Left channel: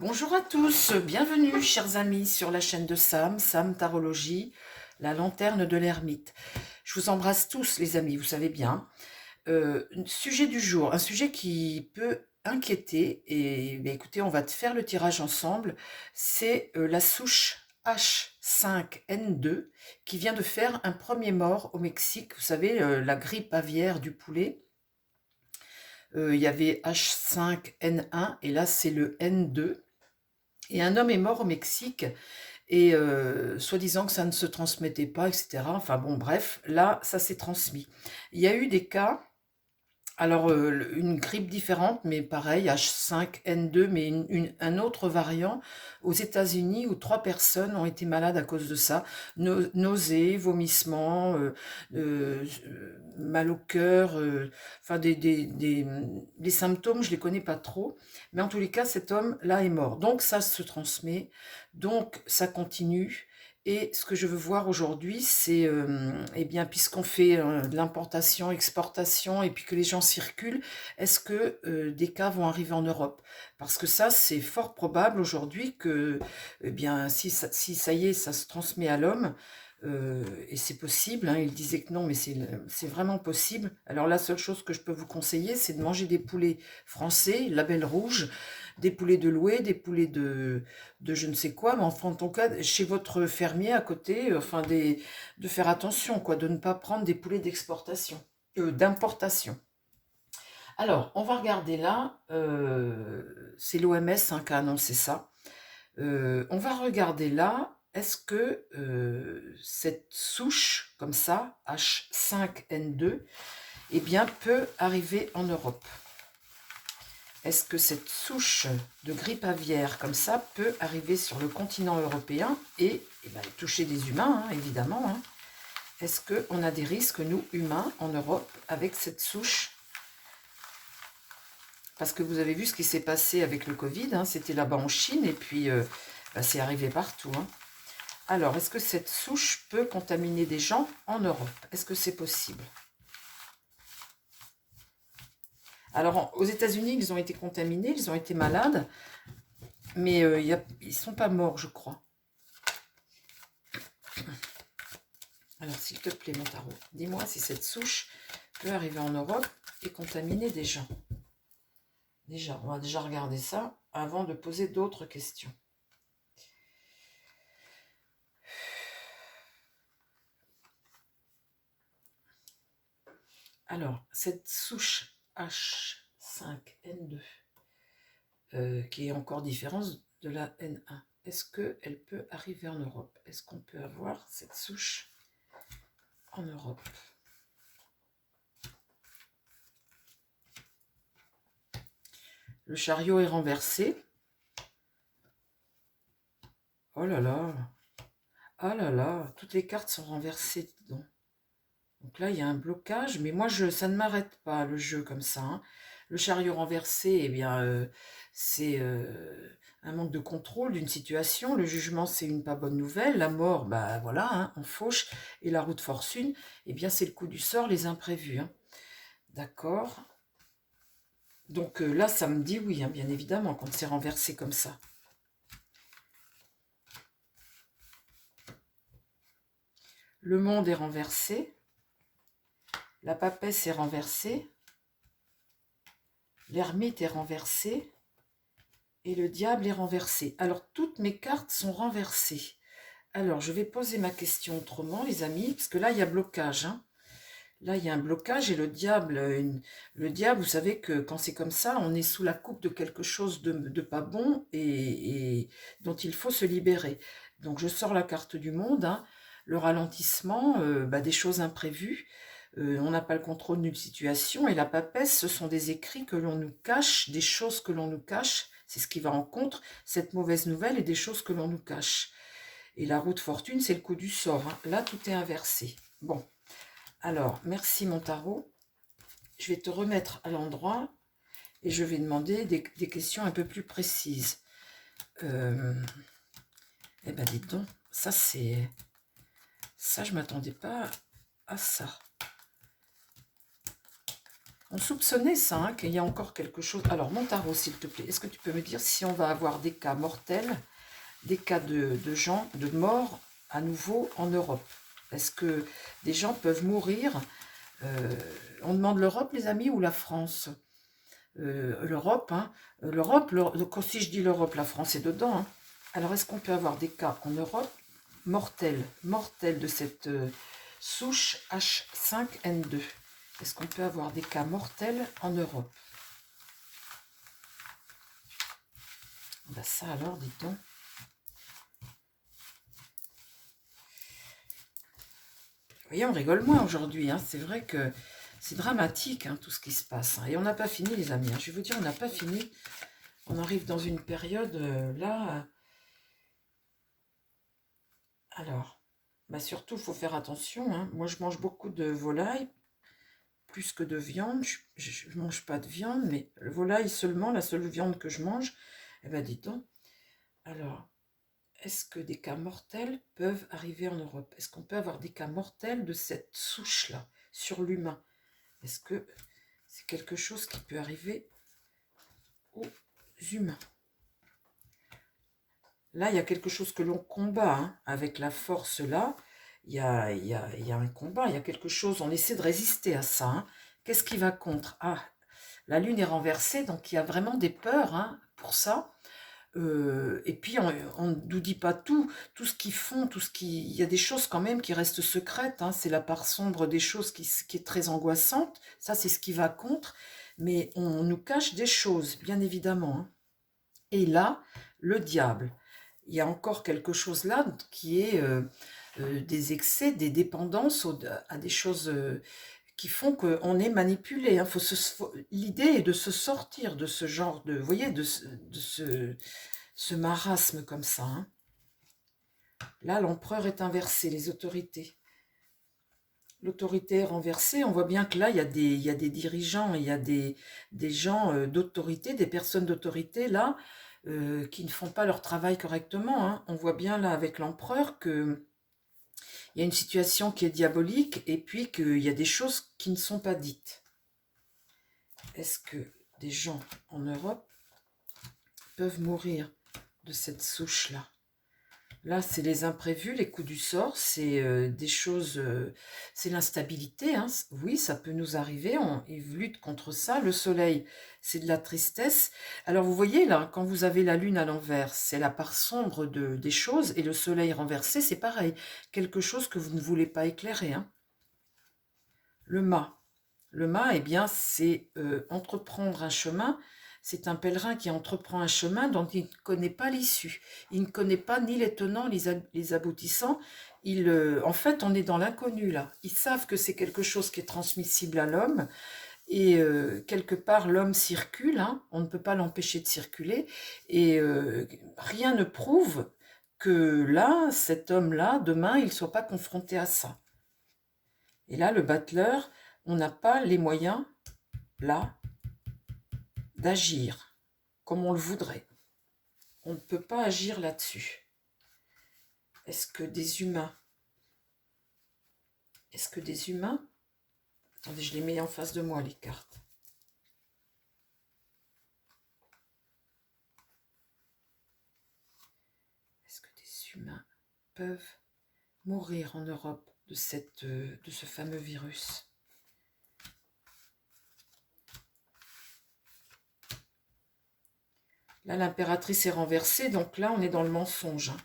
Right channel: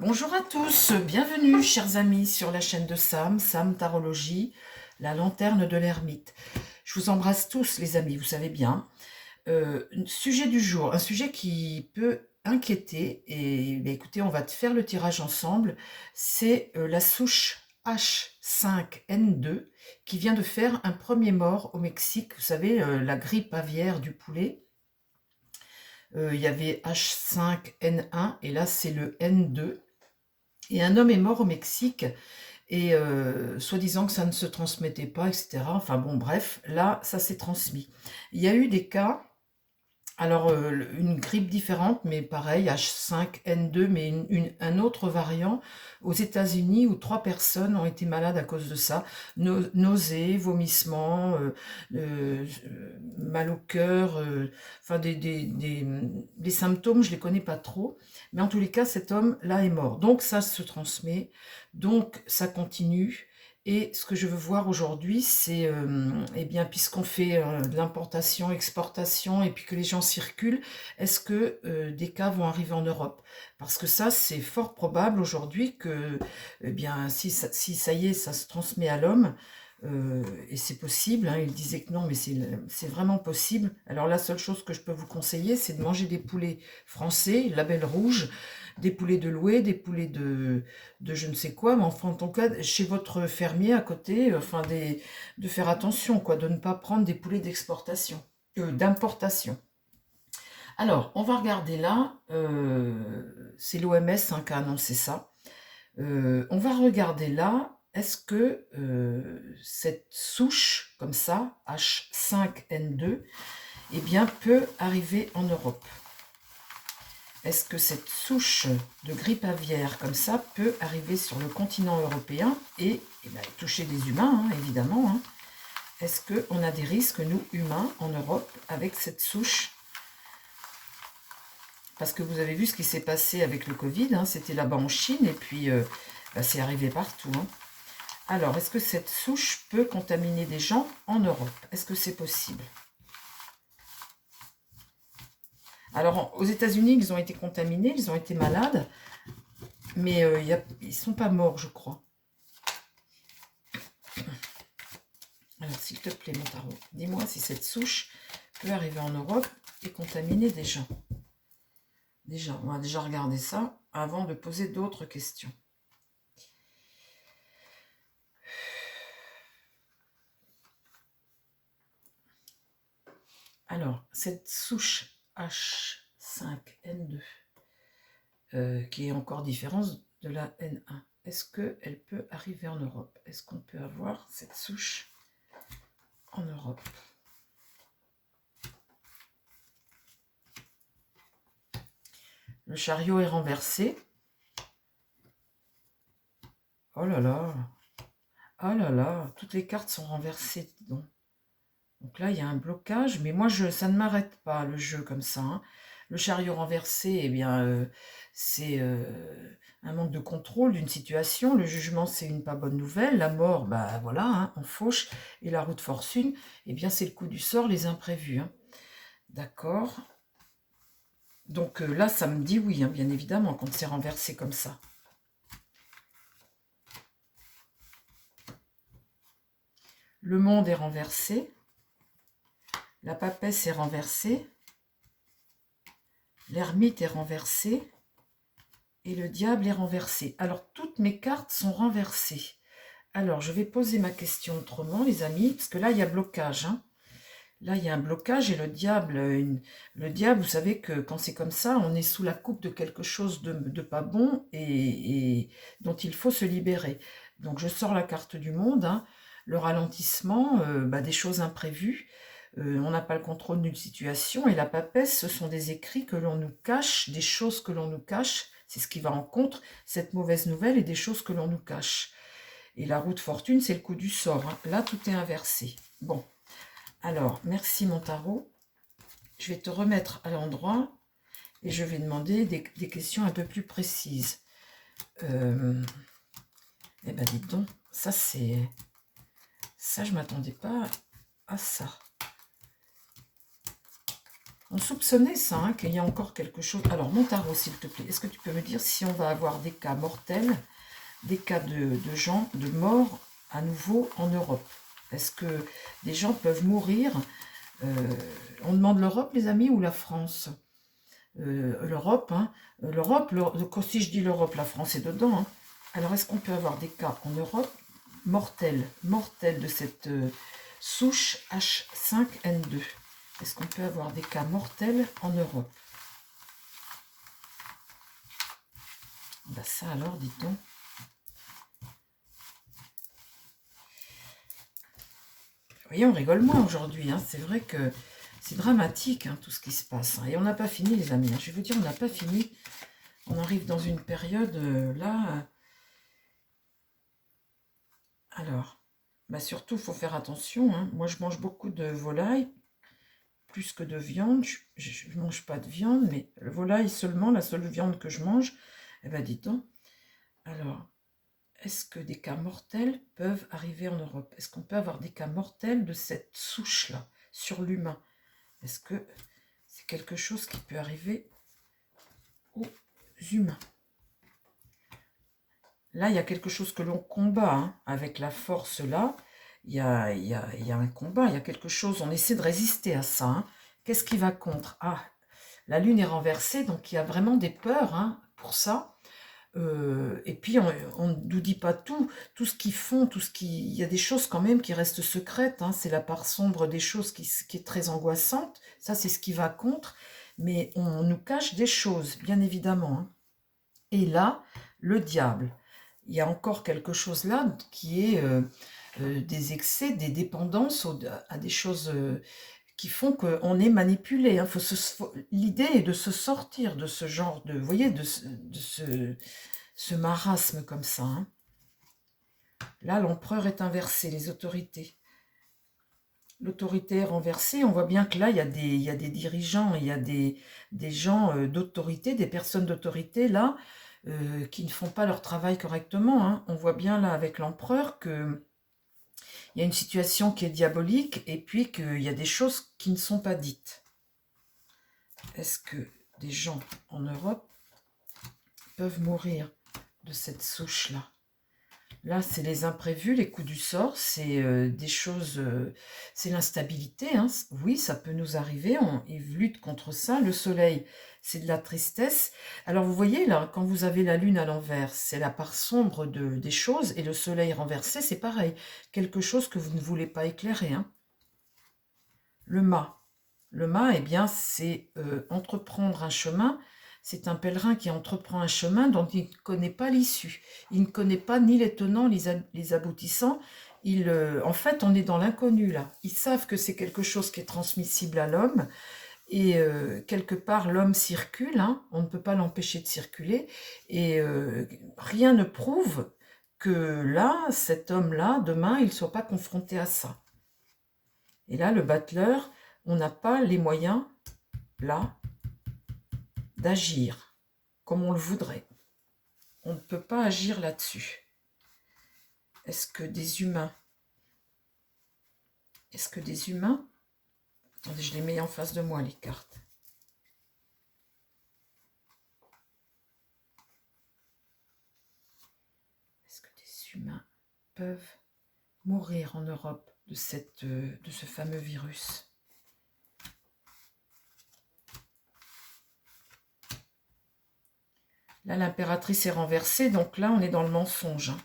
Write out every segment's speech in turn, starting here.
Bonjour à tous, bienvenue chers amis sur la chaîne de Sam Tarologie, la lanterne de l'ermite. Je vous embrasse tous les amis, vous savez bien. Sujet du jour, un sujet qui peut inquiéter, et écoutez, on va te faire le tirage ensemble, c'est la souche H5N2 qui vient de faire un premier mort au Mexique, vous savez, la grippe aviaire du poulet. Il y avait H5N1 et là c'est le N2. Et un homme est mort au Mexique et soi-disant que ça ne se transmettait pas, etc. Enfin bon, bref, là, ça s'est transmis. Il y a eu des cas, alors une grippe différente, mais pareil, H5N2, mais un autre variant aux États-Unis où 3 personnes ont été malades à cause de ça. Nausées, vomissements, mal au cœur, enfin des symptômes, je les connais pas trop. Mais en tous les cas, cet homme-là est mort. Donc ça se transmet, donc ça continue. Et ce que je veux voir aujourd'hui, c'est, eh bien, puisqu'on fait de l'importation, exportation, et puis que les gens circulent, est-ce que des cas vont arriver en Europe? Parce que ça, c'est fort probable aujourd'hui que, eh bien, si ça y est, ça se transmet à l'homme, et c'est possible, hein, il disait que non, mais c'est vraiment possible. Alors la seule chose que je peux vous conseiller, c'est de manger des poulets français, label rouge, des poulets de louer, des poulets de je ne sais quoi, mais enfin, en tout cas, chez votre fermier à côté, enfin, de faire attention, quoi, de ne pas prendre des poulets d'exportation, d'importation. Alors, on va regarder là, c'est l'OMS qui a annoncé ça. On va regarder là, est-ce que cette souche, comme ça, H5N2, eh bien, peut arriver en Europe? Est-ce que cette souche de grippe aviaire comme ça peut arriver sur le continent européen et ben, toucher des humains, hein, évidemment, hein. Est-ce qu'on a des risques, nous, humains, en Europe, avec cette souche? Parce que vous avez vu ce qui s'est passé avec le Covid, hein, c'était là-bas en Chine, et puis ben, c'est arrivé partout, hein. Alors, est-ce que cette souche peut contaminer des gens en Europe? Est-ce que c'est possible? Alors, aux États-Unis, ils ont été contaminés, ils ont été malades, mais ils ne sont pas morts, je crois. Alors, s'il te plaît, mon tarot, dis-moi si cette souche peut arriver en Europe et contaminer des gens. Déjà, on va déjà regarder ça avant de poser d'autres questions. Alors, cette souche H5N2, qui est encore différente de la N1, est-ce qu'elle peut arriver en Europe? Est-ce qu'on peut avoir cette souche en Europe? Le chariot est renversé. Oh là là. Oh là là. Toutes les cartes sont renversées, dis donc. Donc là, il y a un blocage. Mais moi, ça ne m'arrête pas, le jeu, comme ça, hein. Le chariot renversé, eh bien, c'est un manque de contrôle d'une situation. Le jugement, c'est une pas bonne nouvelle. La mort, bah voilà, hein, on fauche. Et la roue de fortune, eh bien, c'est le coup du sort, les imprévus, hein. D'accord. Donc là, ça me dit oui, hein, bien évidemment, quand c'est renversé comme ça. Le monde est renversé. La papesse est renversée. L'ermite est renversé. Et le diable est renversé. Alors, toutes mes cartes sont renversées. Alors, je vais poser ma question autrement, les amis, parce que là, il y a blocage, hein. Là, il y a un blocage et le diable, vous savez que quand c'est comme ça, on est sous la coupe de quelque chose de pas bon et dont il faut se libérer. Donc, je sors la carte du monde, hein. Le ralentissement, bah, des choses imprévues. On n'a pas le contrôle d'une situation. Et la papesse, ce sont des écrits que l'on nous cache, des choses que l'on nous cache. C'est ce qui va en contre, cette mauvaise nouvelle et des choses que l'on nous cache. Et la roue de fortune, c'est le coup du sort, hein. Là, tout est inversé. Bon. Alors, merci mon tarot. Je vais te remettre à l'endroit et je vais demander des questions un peu plus précises. Eh ben, dites donc, ça c'est... Ça, je ne m'attendais pas à ça. On soupçonnait ça, hein, qu'il y a encore quelque chose. Alors, mon tarot, s'il te plaît, est-ce que tu peux me dire si on va avoir des cas mortels, des cas de gens, de morts à nouveau en Europe? Est-ce que des gens peuvent mourir? On demande l'Europe, les amis, ou la France? L'Europe, hein. L'Europe, si je dis l'Europe, la France est dedans, hein. Alors, est-ce qu'on peut avoir des cas en Europe mortels de cette souche H5N2? Est-ce qu'on peut avoir des cas mortels en Europe? Ben ça alors, dites donc. Vous voyez, on rigole moins aujourd'hui, hein. C'est vrai que c'est dramatique, hein, tout ce qui se passe, hein. Et on n'a pas fini, les amis, hein. Je vais vous dire, on n'a pas fini. On arrive dans une période, là... alors, bah surtout, il faut faire attention, hein. Moi, je mange beaucoup de volaille, plus que de viande. Je ne mange pas de viande, mais le volaille seulement, la seule viande que je mange. Eh bien, dis donc. Alors, est-ce que des cas mortels peuvent arriver en Europe? Est-ce qu'on peut avoir des cas mortels de cette souche-là, sur l'humain? Est-ce que c'est quelque chose qui peut arriver aux humains? Là, il y a quelque chose que l'on combat, hein, avec la force là. Il y a un combat, il y a quelque chose, on essaie de résister à ça, hein. Qu'est-ce qui va contre? Ah, la lune est renversée, donc il y a vraiment des peurs, hein, pour ça. Et puis, on ne nous dit pas tout ce qu'ils font, il y a des choses quand même qui restent secrètes, hein. C'est la part sombre des choses qui est très angoissante. Ça, c'est ce qui va contre. Mais on nous cache des choses, bien évidemment, hein. Et là, le diable. Il y a encore quelque chose là qui est des excès, des dépendances à des choses qui font qu'on est manipulé, hein. L'idée est de se sortir de ce genre de, vous voyez, ce marasme comme ça, hein. Là, l'empereur est inversé, les autorités. L'autorité est renversée. On voit bien que là, il y a des dirigeants, il y a des gens d'autorité, des personnes d'autorité, là, qui ne font pas leur travail correctement, hein. On voit bien là avec l'empereur que il y a une situation qui est diabolique et puis qu'il y a des choses qui ne sont pas dites. Est-ce que des gens en Europe peuvent mourir de cette souche-là? Là, c'est les imprévus, les coups du sort, c'est des choses, c'est l'instabilité, hein. Oui, ça peut nous arriver, on lutte contre ça. Le soleil, c'est de la tristesse. Alors, vous voyez, là, quand vous avez la lune à l'envers, c'est la part sombre des choses, et le soleil renversé, c'est pareil. Quelque chose que vous ne voulez pas éclairer, hein. Le mât. Le mât, eh bien, c'est entreprendre un chemin. C'est un pèlerin qui entreprend un chemin dont il ne connaît pas l'issue. Il ne connaît pas ni les tenants, les aboutissants. En fait, on est dans l'inconnu, là. Ils savent que c'est quelque chose qui est transmissible à l'homme. Et quelque part, l'homme circule, hein. On ne peut pas l'empêcher de circuler. Et rien ne prouve que là, cet homme-là, demain, il ne soit pas confronté à ça. Et là, le battleur, on n'a pas les moyens, là, d'agir comme on le voudrait. On ne peut pas agir là-dessus. Est-ce que des humains... Attendez, je les mets en face de moi, les cartes. Est-ce que des humains peuvent mourir en Europe de ce fameux virus? Là, l'impératrice est renversée, donc là, on est dans le mensonge, hein.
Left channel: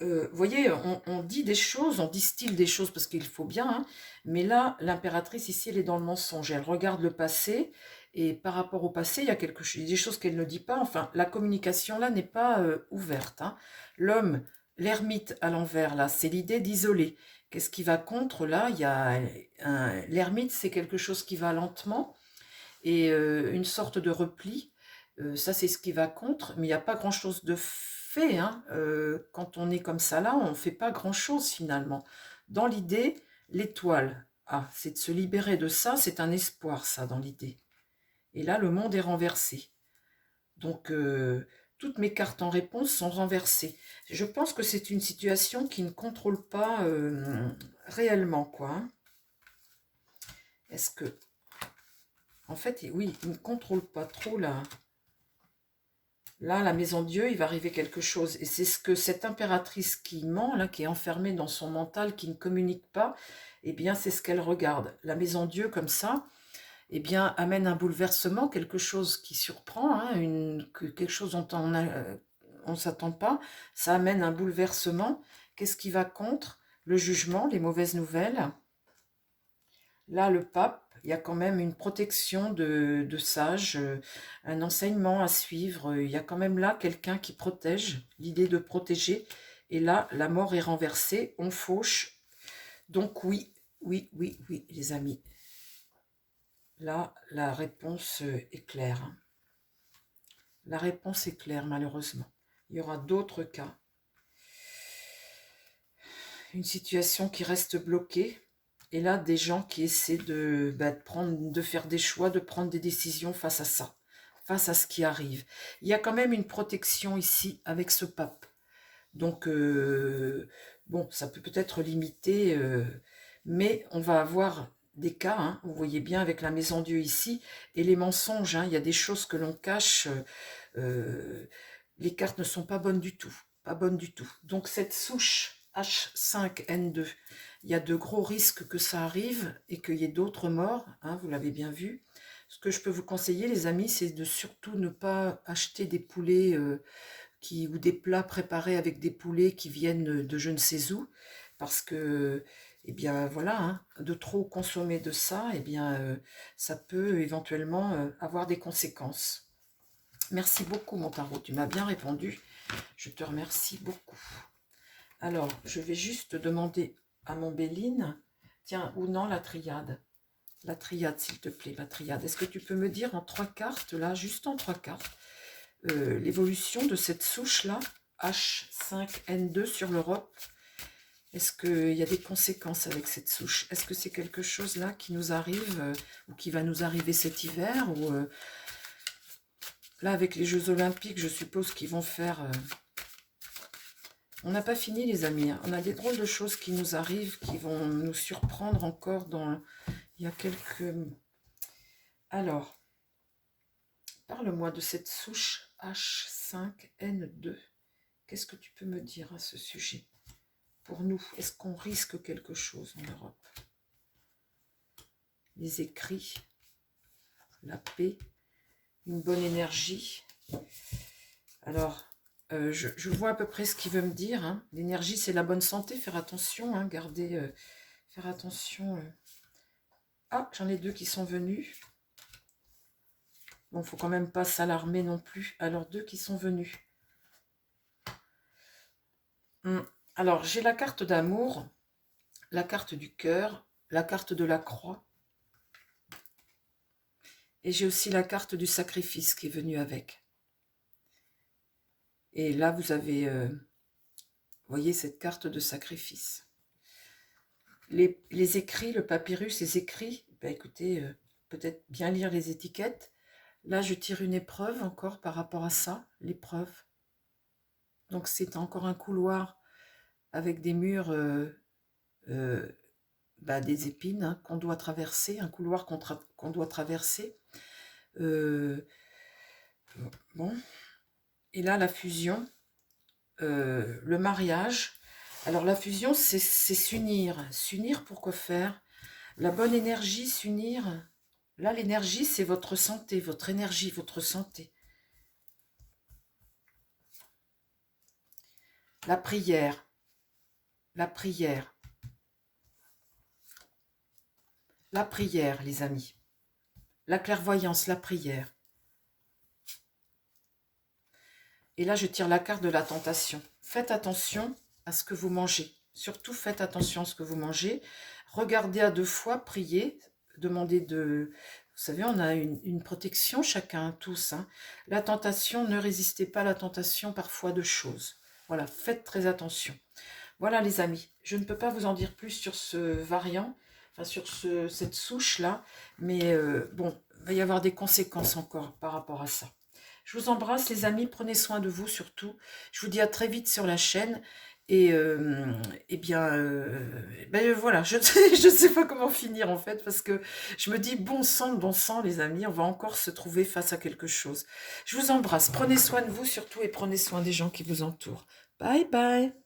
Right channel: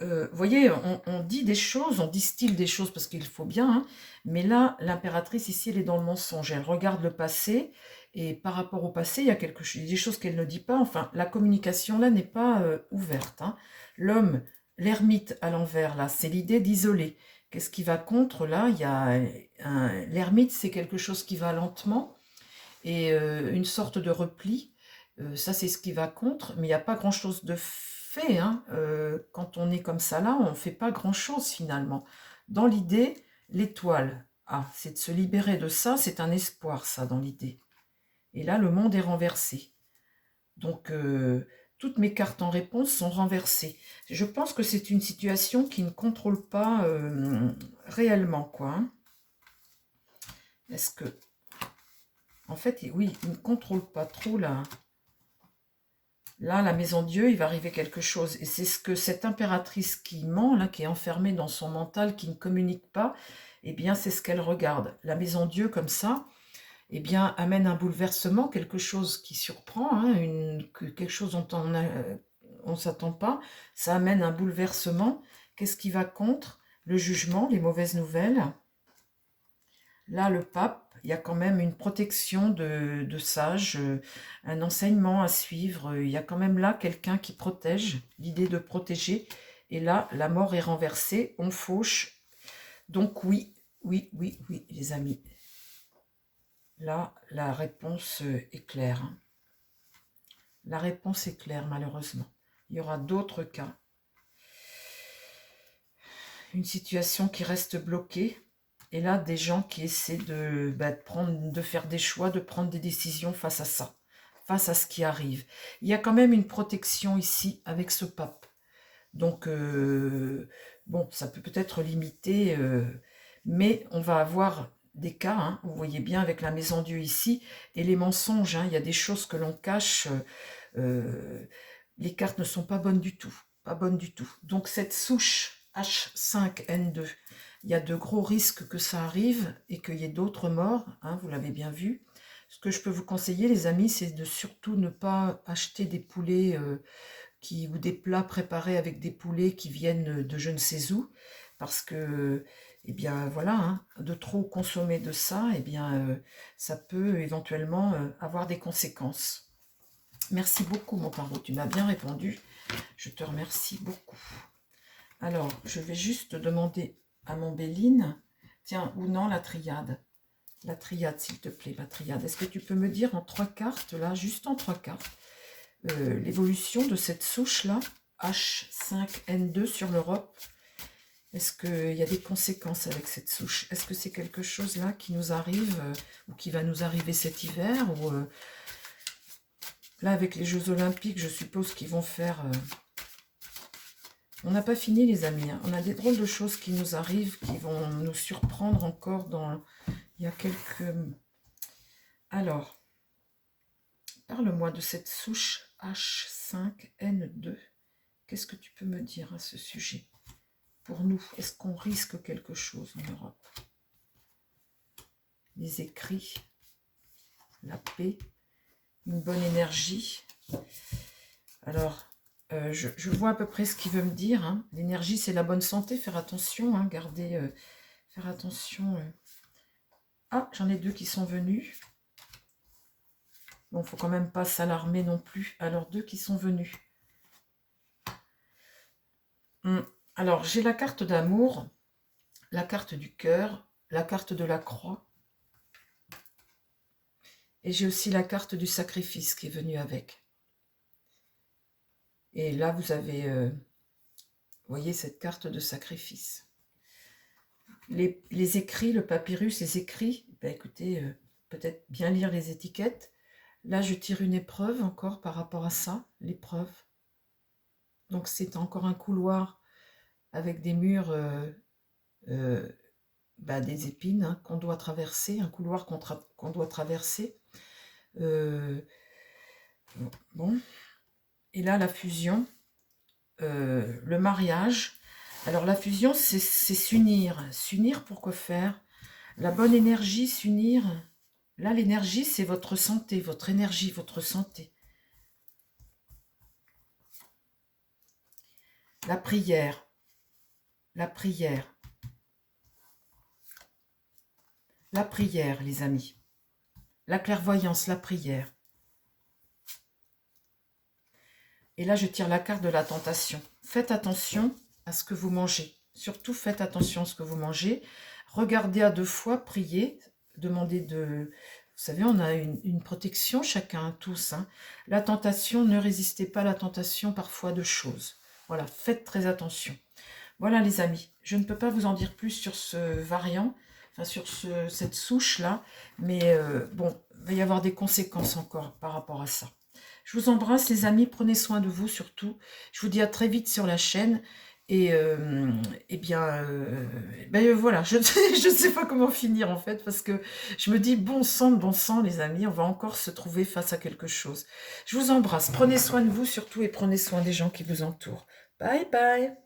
Vous voyez, on dit des choses, on distille des choses parce qu'il faut bien, hein, mais là, l'impératrice, ici, elle est dans le mensonge. Elle regarde le passé, et par rapport au passé, il y a des choses qu'elle ne dit pas. Enfin, la communication, là, n'est pas ouverte, hein. L'homme, l'ermite à l'envers, là, c'est l'idée d'isoler. Qu'est-ce qui va contre, là? L'ermite, c'est quelque chose qui va lentement, et une sorte de repli. Ça, c'est ce qui va contre, mais il n'y a pas grand-chose de fait, hein. Quand on est comme ça là, on ne fait pas grand-chose finalement. Dans l'idée, l'étoile, c'est de se libérer de ça, c'est un espoir ça dans l'idée. Et là, le monde est renversé. Donc, toutes mes cartes en réponse sont renversées. Je pense que c'est une situation qui ne contrôle pas réellement, quoi, hein. Est-ce que En fait, oui, il ne contrôle pas trop là. Là, la maison Dieu, il va arriver quelque chose. Et c'est ce que cette impératrice qui ment, là, qui est enfermée dans son mental, qui ne communique pas, eh bien, c'est ce qu'elle regarde. La maison Dieu, comme ça, eh bien, amène un bouleversement, quelque chose qui surprend, hein, quelque chose dont on ne s'attend pas. Ça amène un bouleversement. Qu'est-ce qui va contre? Le jugement, les mauvaises nouvelles. Là, le pape, il y a quand même une protection de sages, un enseignement à suivre. Il y a quand même là quelqu'un qui protège, l'idée de protéger. Et là, la mort est renversée, on fauche. Donc oui, oui, oui, oui, les amis. Là, la réponse est claire. La réponse est claire, malheureusement. Il y aura d'autres cas. Une situation qui reste bloquée. Et là, des gens qui essaient de faire des choix, de prendre des décisions face à ça, face à ce qui arrive. Il y a quand même une protection ici avec ce pape. Donc, bon, ça peut peut-être limiter, mais on va avoir des cas, hein, vous voyez bien avec la maison Dieu ici, et les mensonges, hein, il y a des choses que l'on cache, les cartes ne sont pas bonnes du tout, pas bonnes du tout. Donc cette souche H5N2, il y a de gros risques que ça arrive et qu'il y ait d'autres morts, hein, vous l'avez bien vu. Ce que je peux vous conseiller, les amis, c'est de surtout ne pas acheter des poulets ou des plats préparés avec des poulets qui viennent de je ne sais où, parce que, eh bien voilà, hein, de trop consommer de ça, eh bien ça peut éventuellement avoir des conséquences. Merci beaucoup mon tarot, tu m'as bien répondu, je te remercie beaucoup. Alors, je vais juste demander à mon Béline, tiens, ou non, la triade, s'il te plaît, la triade. Est-ce que tu peux me dire en 3 cartes, là, juste en 3 cartes, l'évolution de cette souche-là, H5N2 sur l'Europe? Est-ce qu'il y a des conséquences avec cette souche? Est-ce que c'est quelque chose là qui nous arrive ou qui va nous arriver cet hiver ou là, avec les Jeux Olympiques, je suppose qu'ils vont faire... On n'a pas fini, les amis. Hein. On a des drôles de choses qui nous arrivent, qui vont nous surprendre encore dans... Il y a quelques... Alors, parle-moi de cette souche H5N2. Qu'est-ce que tu peux me dire à ce sujet? Pour nous, est-ce qu'on risque quelque chose en Europe? Les écrits, la paix, une bonne énergie. Alors, je vois à peu près ce qu'il veut me dire. Hein. L'énergie, c'est la bonne santé. Faire attention, hein, garder... faire attention. Ah, j'en ai 2 qui sont venus. Bon, il ne faut quand même pas s'alarmer non plus. Alors, 2 qui sont venus. Alors, j'ai la carte d'amour, la carte du cœur, la carte de la croix. Et j'ai aussi la carte du sacrifice qui est venue avec. Et là, vous avez, voyez, cette carte de sacrifice. Les écrits, le papyrus, les écrits, ben écoutez, peut-être bien lire les étiquettes. Là, je tire une épreuve encore par rapport à ça, l'épreuve. Donc, c'est encore un couloir avec des murs, des épines hein, qu'on doit traverser, un couloir qu'on doit traverser. Bon. Et là, la fusion, le mariage. Alors, la fusion, c'est s'unir. S'unir pour quoi faire? La bonne énergie, s'unir. Là, l'énergie, c'est votre santé, votre énergie, votre santé. La prière. La prière. La prière, les amis. La clairvoyance, la prière. Et là, je tire la carte de la tentation. Faites attention à ce que vous mangez. Surtout, faites attention à ce que vous mangez. Regardez à 2 fois, priez, demandez de... Vous savez, on a une protection chacun, tous. Hein. La tentation, ne résistez pas à la tentation parfois de choses. Voilà, faites très attention. Voilà les amis, je ne peux pas vous en dire plus sur ce variant, enfin sur cette souche-là, mais bon, il va y avoir des conséquences encore par rapport à ça. Je vous embrasse les amis, prenez soin de vous surtout. Je vous dis à très vite sur la chaîne Et bien, ben, voilà, je je sais pas comment finir, en fait, parce que je me dis: bon sang, les amis, on va encore se trouver face à quelque chose». Je vous embrasse, prenez soin de vous surtout et prenez soin des gens qui vous entourent. Bye bye.